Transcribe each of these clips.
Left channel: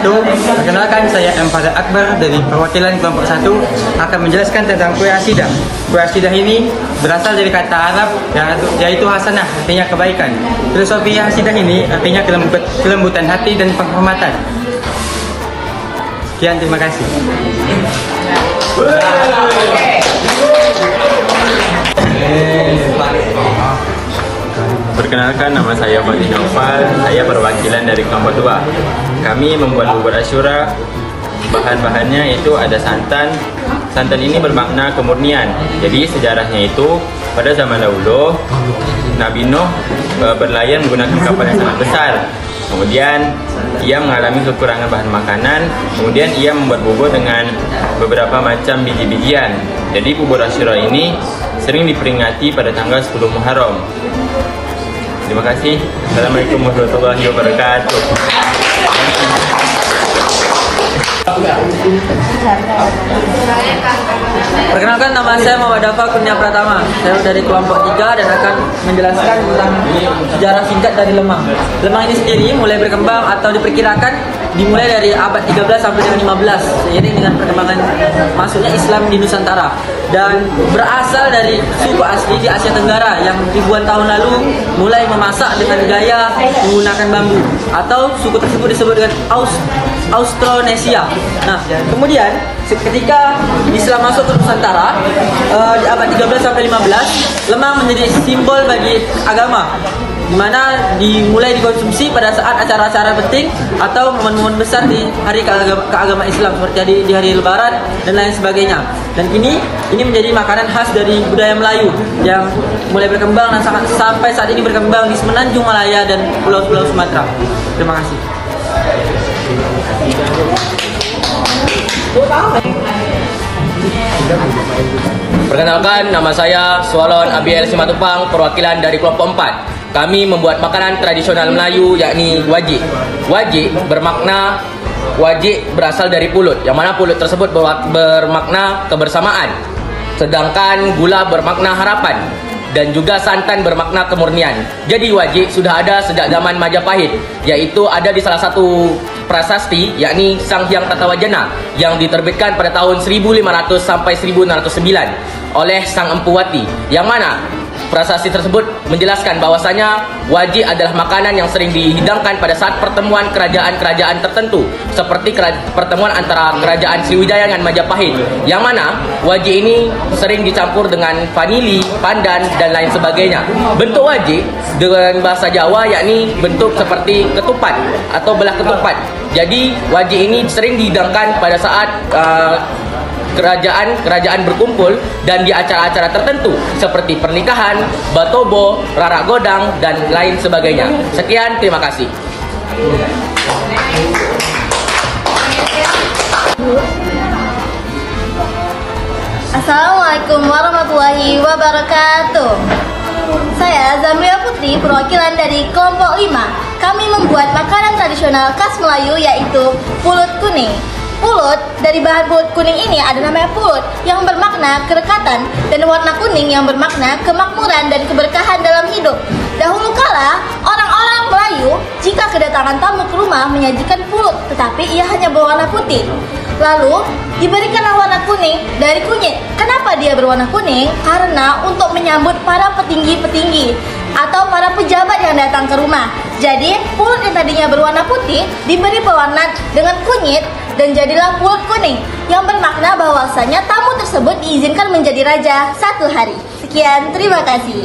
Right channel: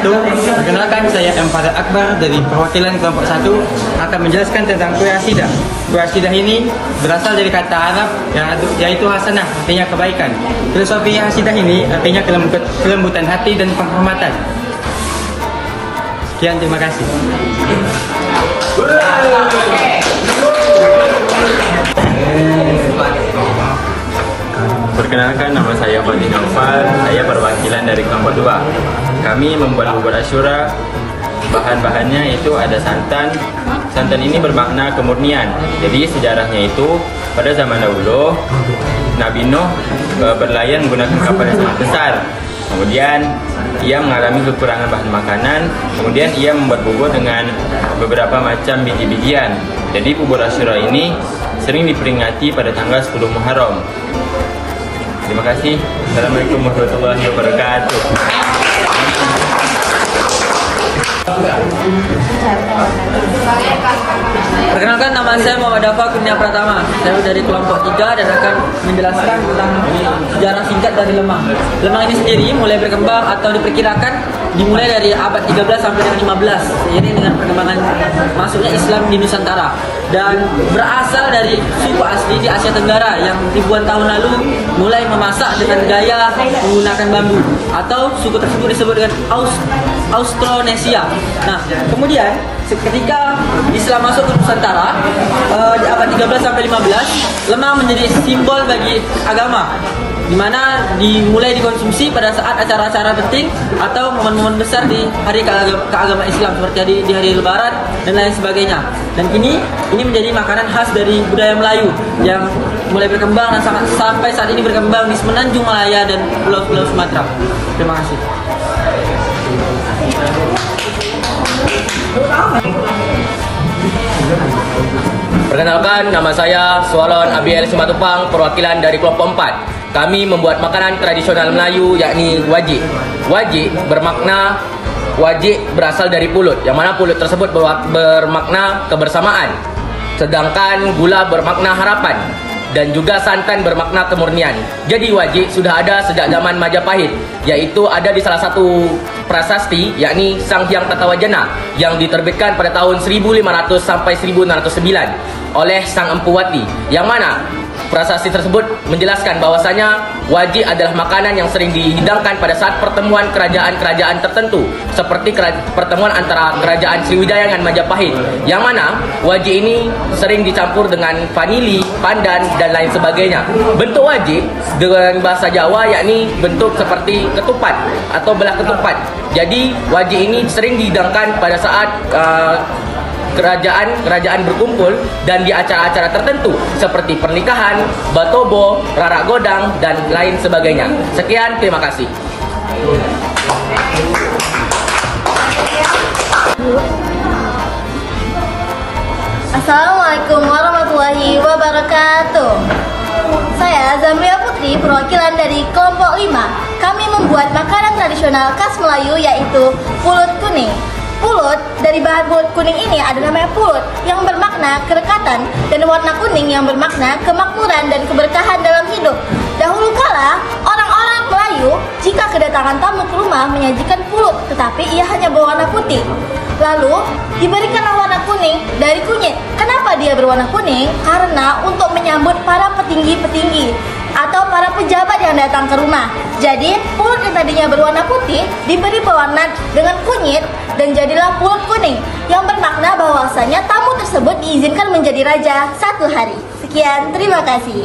wabarakatuh. Perkenalkan, saya M. Fadil Akbar dari perwakilan kelompok 1 akan menjelaskan tentang kue asidah. Kue asidah ini berasal dari kata Arab yaitu hasanah, artinya kebaikan. Filosofi asidah ini artinya kelembutan hati dan penghormatan. Sekian, terima kasih. Perkenalkan, nama saya Fadil Naufal, saya perwakilan dari kelompok 2. Kami membuat bubur Asyura. Bahan-bahannya itu ada santan. Santan ini bermakna kemurnian. Jadi sejarahnya itu pada zaman dahulu Nabi Nuh berlayar menggunakan kapal yang sangat besar. Kemudian ia mengalami kekurangan bahan makanan. Kemudian ia membuat bubur dengan beberapa macam biji-bijian. Jadi bubur Asyura ini sering diperingati pada tanggal 10 Muharram. Terima kasih. Assalamualaikum warahmatullahi wabarakatuh. Perkenalkan, nama saya Muhammad Dafa Kurnia Pratama. Saya dari kelompok 3 dan akan menjelaskan tentang sejarah singkat dari lemang. Lemang ini sendiri mulai berkembang atau diperkirakan dimulai dari abad 13 sampai dengan 15, seiring dengan perkembangan masuknya Islam di Nusantara, dan berasal dari suku asli di Asia Tenggara yang ribuan tahun lalu mulai memasak dengan gaya menggunakan bambu, atau suku tersebut disebut dengan Austronesia. Nah, kemudian ketika Islam masuk ke Nusantara di abad 13 sampai 15, lemang menjadi simbol bagi agama, di mana dimulai dikonsumsi pada saat acara-acara penting atau momen-momen besar di hari keagamaan Islam, seperti di hari Lebaran dan lain sebagainya. Dan ini menjadi makanan khas dari budaya Melayu yang mulai berkembang dan sampai saat ini berkembang di Semenanjung Malaya dan pulau-pulau Sumatera. Terima kasih. Perkenalkan, nama saya Swalon Abiel Simatupang, perwakilan dari kelompok 4. Kami membuat makanan tradisional Melayu, yakni wajik. Wajik bermakna, wajik berasal dari pulut, yang mana pulut tersebut bermakna kebersamaan. Sedangkan gula bermakna harapan, dan juga santan bermakna kemurnian. Jadi wajik sudah ada sejak zaman Majapahit, yaitu ada di salah satu prasasti, yakni Sang Hyang Tatawajana, yang diterbitkan pada tahun 1500 sampai 1609 oleh Sang Empu Wati, yang mana prasasti tersebut menjelaskan bahwasanya wajik adalah makanan yang sering dihidangkan pada saat pertemuan kerajaan-kerajaan tertentu, seperti pertemuan antara kerajaan Sriwijaya dengan Majapahit, yang mana wajik ini sering dicampur dengan vanili, pandan, dan lain sebagainya. Bentuk wajik dengan bahasa Jawa yakni bentuk seperti ketupat atau belah ketupat. Jadi wajik ini sering dihidangkan pada saat kerajaan berkumpul dan di acara-acara tertentu seperti pernikahan, batobo, rarak godang, dan lain sebagainya. Sekian, terima kasih. Assalamualaikum warahmatullahi wabarakatuh. Saya Zamria Putri, perwakilan dari kelompok 5. Kami membuat makanan tradisional khas Melayu, yaitu pulut kuning. Pulut, dari bahan pulut kuning ini ada namanya pulut, yang bermakna kedekatan, dan warna kuning yang bermakna kemakmuran dan keberkahan dalam hidup. Dahulu kala, orang-orang Melayu jika kedatangan tamu ke rumah menyajikan pulut, tetapi ia hanya berwarna putih. Lalu diberikanlah warna kuning dari kunyit. Kenapa dia berwarna kuning? Karena untuk menyambut para petinggi-petinggi atau para pejabat yang datang ke rumah. Jadi pulut yang tadinya berwarna putih diberi pewarna dengan kunyit dan jadilah pulut kuning, yang bermakna bahwasanya tamu tersebut diizinkan menjadi raja satu hari. Sekian, terima kasih.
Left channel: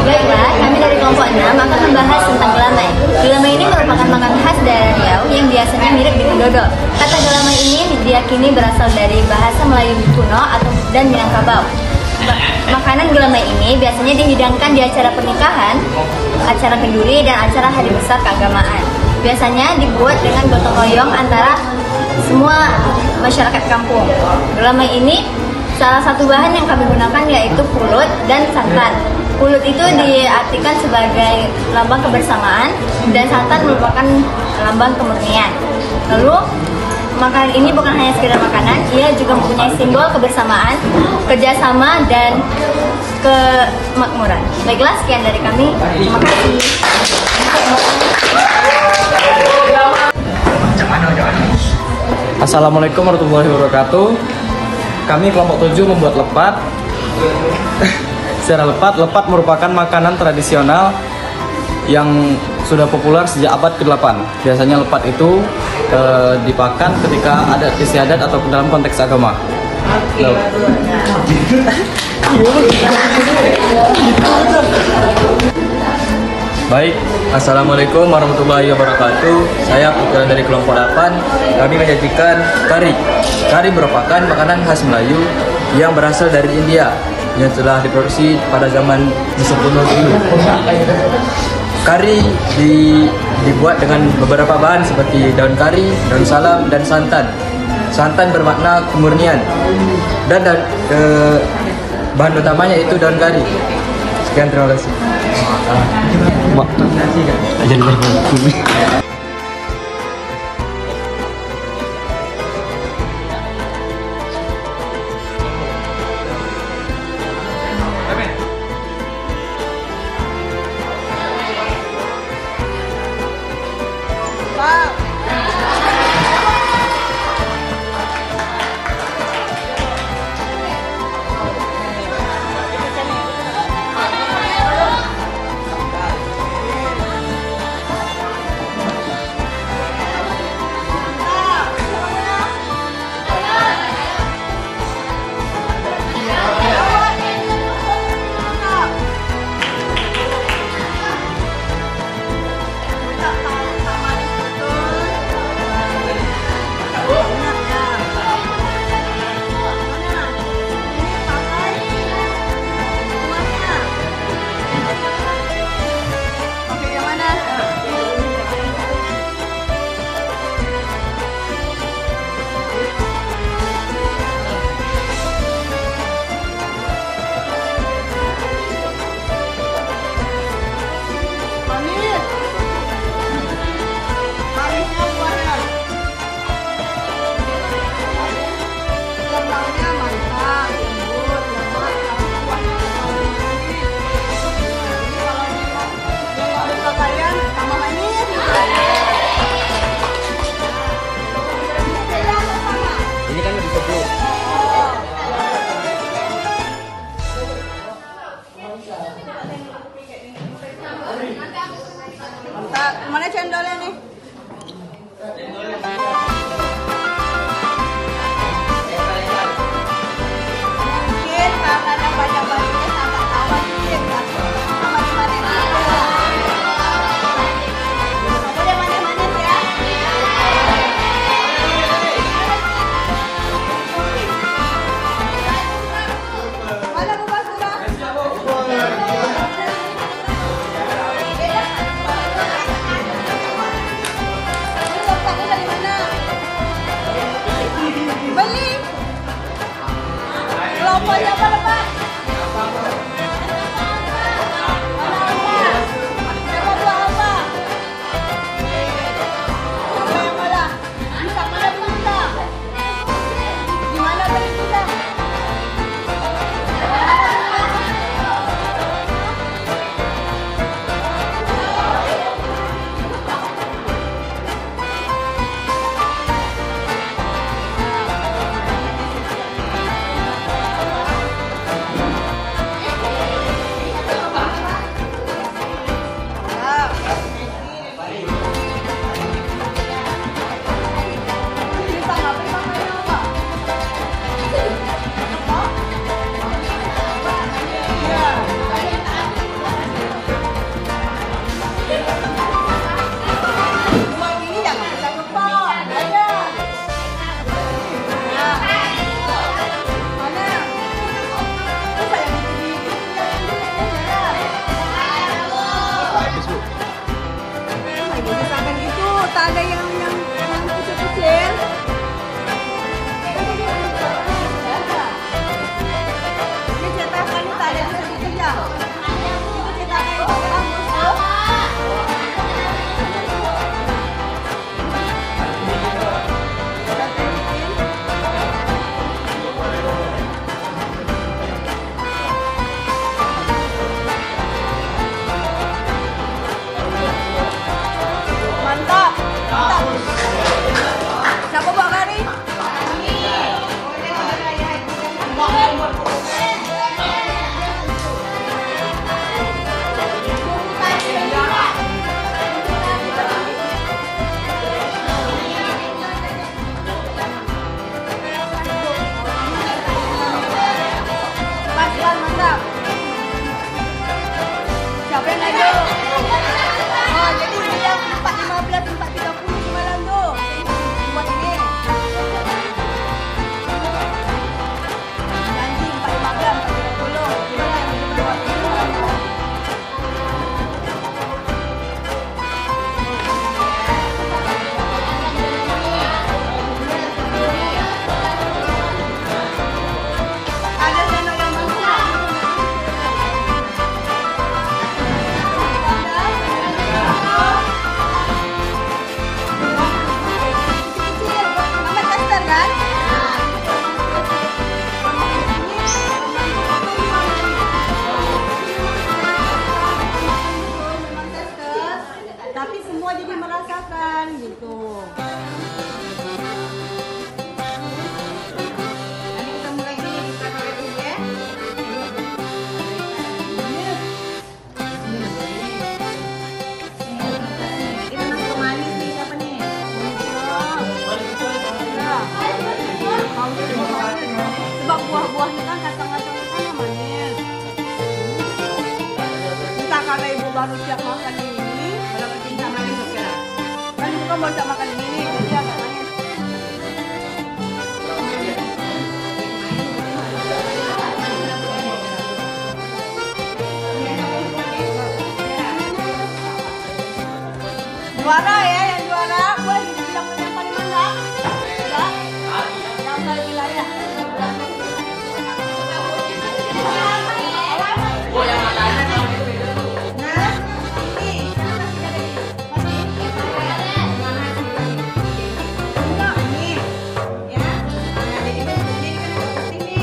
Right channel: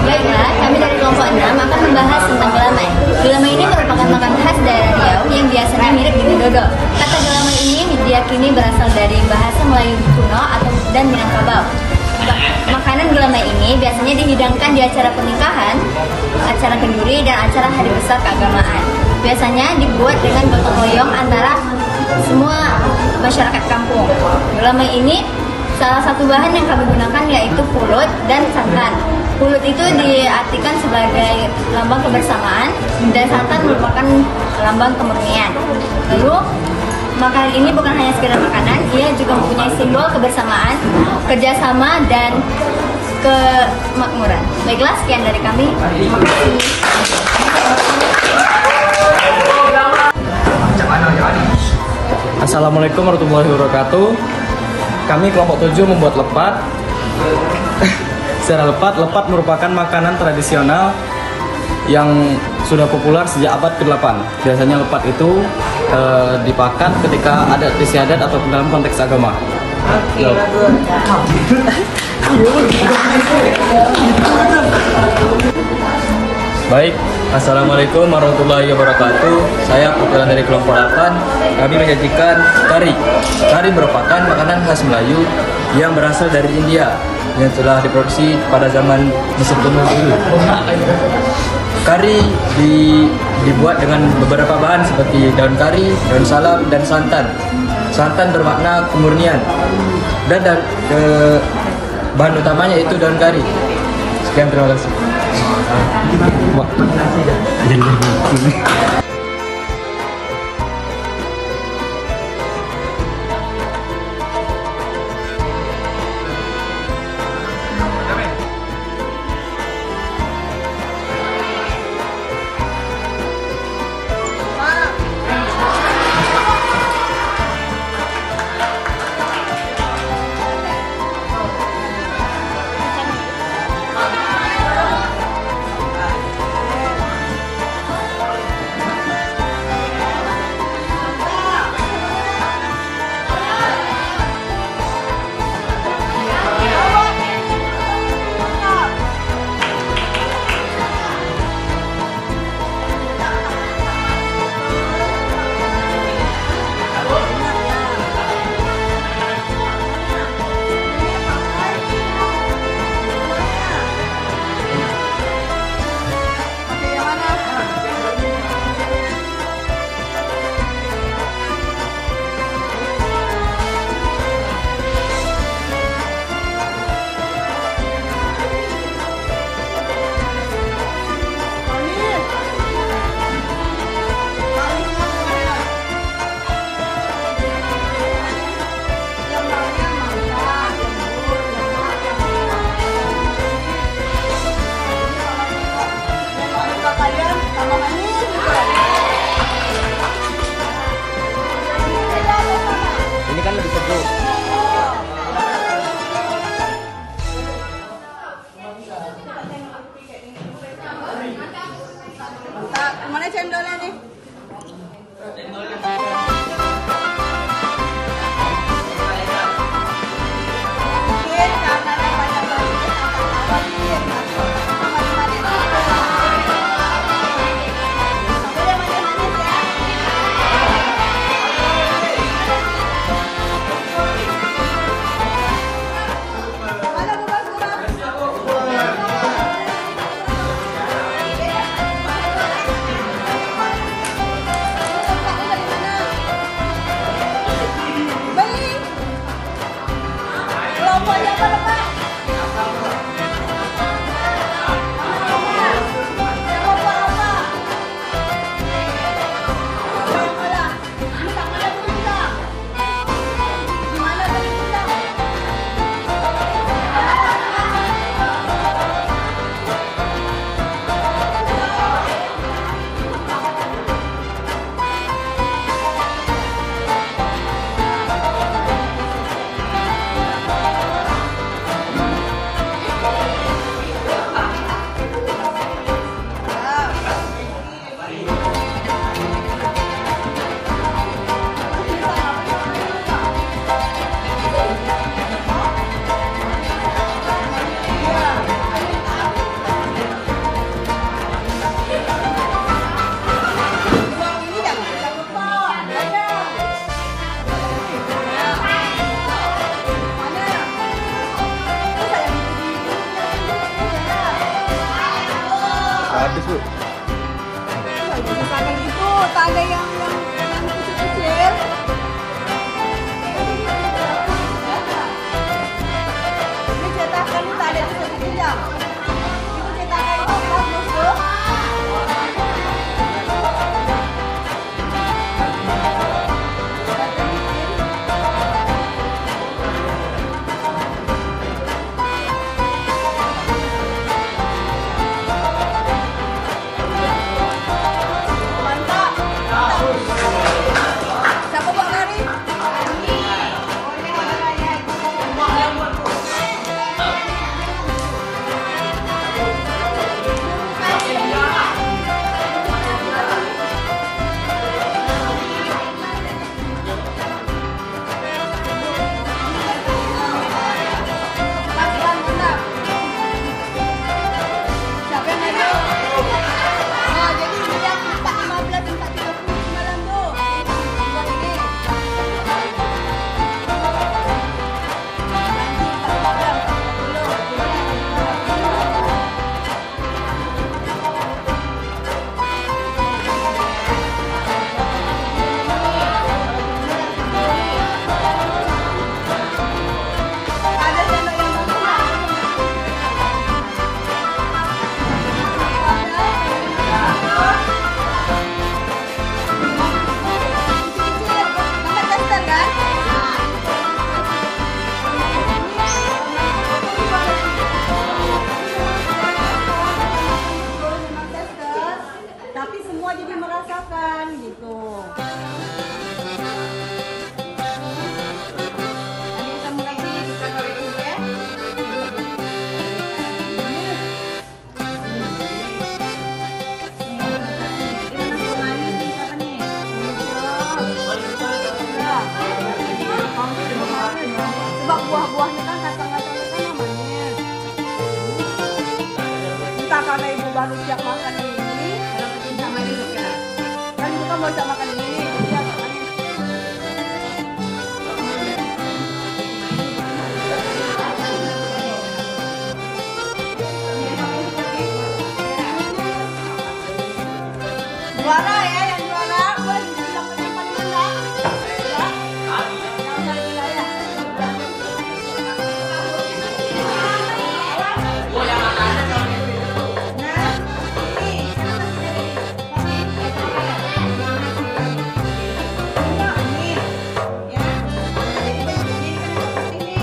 Baiklah, kami dari kelompok 6 akan membahas tentang gelamai. Gelamai ini merupakan makanan khas daerah Riau yang biasanya mirip dengan dodol. Kata gelamai ini diyakini berasal dari bahasa Melayu kuno dan Minangkabau. Makanan gelamai ini biasanya dihidangkan di acara pernikahan, acara kenduri, dan acara hari besar keagamaan. Biasanya dibuat dengan gotong royong antara semua masyarakat kampung. Gelamai ini salah satu bahan yang kami gunakan yaitu pulut dan santan. Pulut itu diartikan sebagai lambang kebersamaan dan santan merupakan lambang kemurnian. Lalu makanan ini bukan hanya sekedar makanan, ia juga mempunyai simbol kebersamaan, kerjasama, dan kemakmuran. Baiklah, sekian dari kami. Terima kasih. Assalamualaikum warahmatullahi wabarakatuh. Kami kelompok 7 membuat lepat. Secara lepat merupakan makanan tradisional yang sudah populer sejak abad ke-8. Biasanya lepat itu dipakan ketika ada istiadat atau dalam konteks agama. Baik, Assalamualaikum warahmatullahi wabarakatuh. Saya perwakilan dari kelompok 8. Kami menyajikan kari. Kari merupakan makanan khas Melayu yang berasal dari India yang telah diproduksi pada zaman Mesir kuno dulu. Kari dibuat dengan beberapa bahan seperti daun kari, daun salam, dan santan. Santan bermakna kemurnian dan bahan utamanya itu daun kari. Sekian, terima kasih. Ini kan lebih sejuk. Mantap. Mana cendolnya nih? Mungkin karena ada banyak banyaknya sangat tawa dikit. Sama manis-manis. Nggak boleh manis-manis ya. Mana Bu Basura? Ini letaknya dari mana? Siapa yang ngadu? Oh, jadi ini yang 4.15, 4.30 semalam tu. Buat ini. Janji 4.15, 4.30. Gimana? Ada sendok yang bagus tak? Ada. Kecil-kecil, gambar tester kan? Nah, memang tester, tapi semua jadi merasakan gitu. Nanti ketemu lagi kita balik dulu ya. Sebab buah-buahnya kan kacang-kacangnya kan manis. Entah karena ibu baru siap makan ini, kalau kecinta manis oke lah. Kan ibu kan baru siap makan ini, jadi agak manis. Juara ya, yang juara. Gue dibilang yang paling menang. Ya. Yang saya bilang ya. Nah, ini sana enggak ini. Ya. Nah, jadi kan ini kan ada putih nih.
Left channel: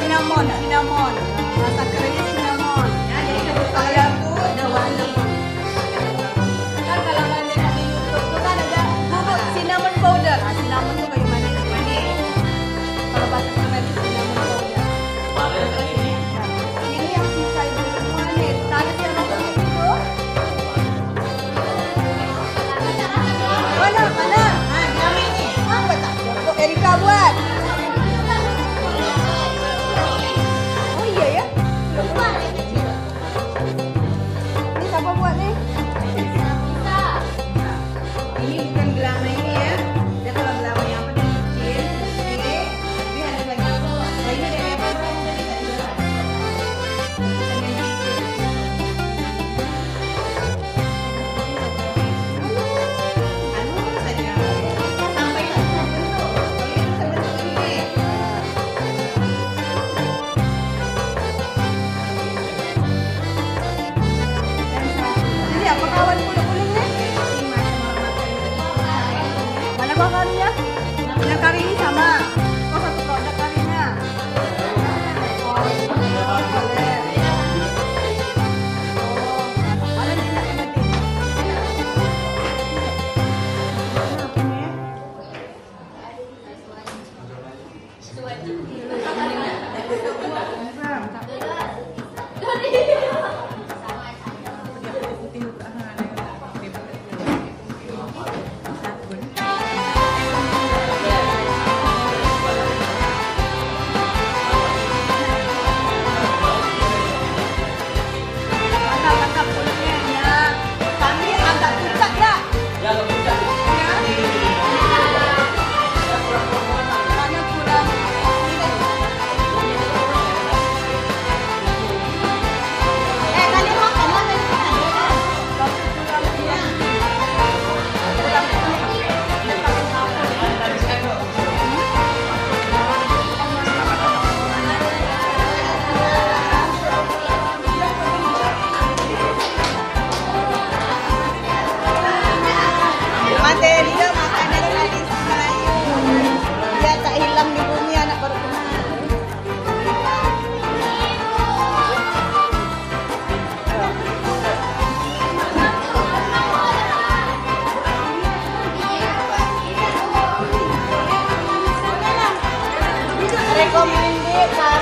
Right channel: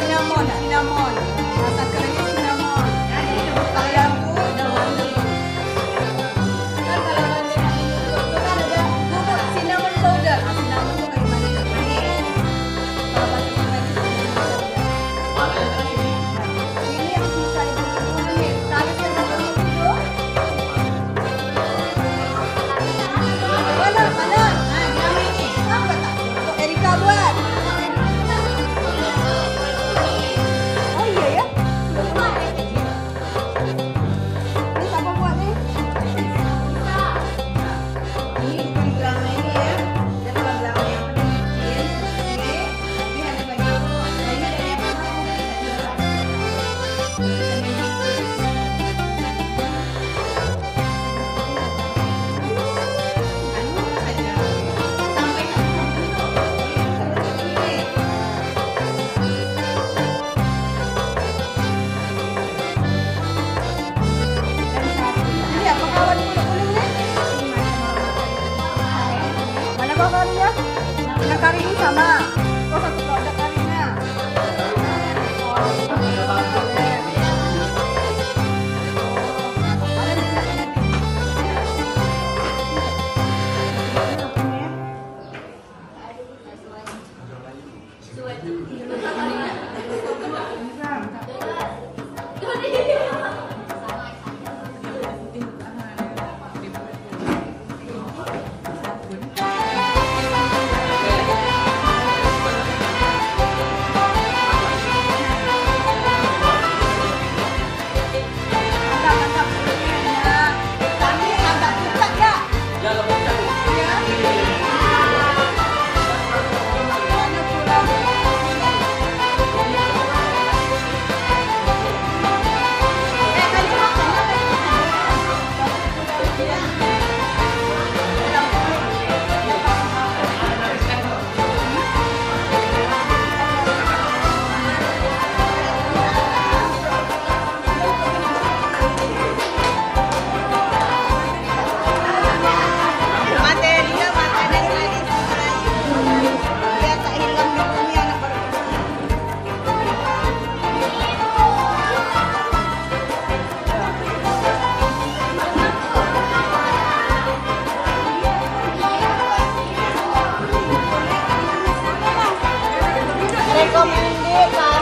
Cinnamon, cinnamon. Rasa kerennya cinnamon. Kalau itu ada warna. Kan kalau banyak di YouTube itu kan ada bubuk cinnamon powder. Nah, cinnamon itu kayak manis manis. Kalau bahasa Korea itu cinnamon powder. Nah, ini yang sisa itu manis. Ada yang dapat itu. Mana? Nah, nama ini. Apa tak? Untuk Erika buat. Oh iya ya. Ini siapa buat nih? Ini bukan gelama ini ya. Dia kalau gelama yang apa dia kecil, ini tapi ada banyak. Nah ini dari apa yang dari jualan. Anu saja. Sampai satu dulu. Ini seperti ini. Jadi apa kawan kulit-kulit nih? Mana kawannya? Yang kari ini sama. Oh satu produk karinya. Oh boleh. Oh ada tidak lagi? Mantap kulitnya ya. Tapi agak pucat ya. Ya agak pucat. Ya. Mana kurang ini? Kalian makan lah, kalian makan kan? Tapi kurang kuning. Dia pakai sapu. Dia tak hilang di bumi anak Rekomendasi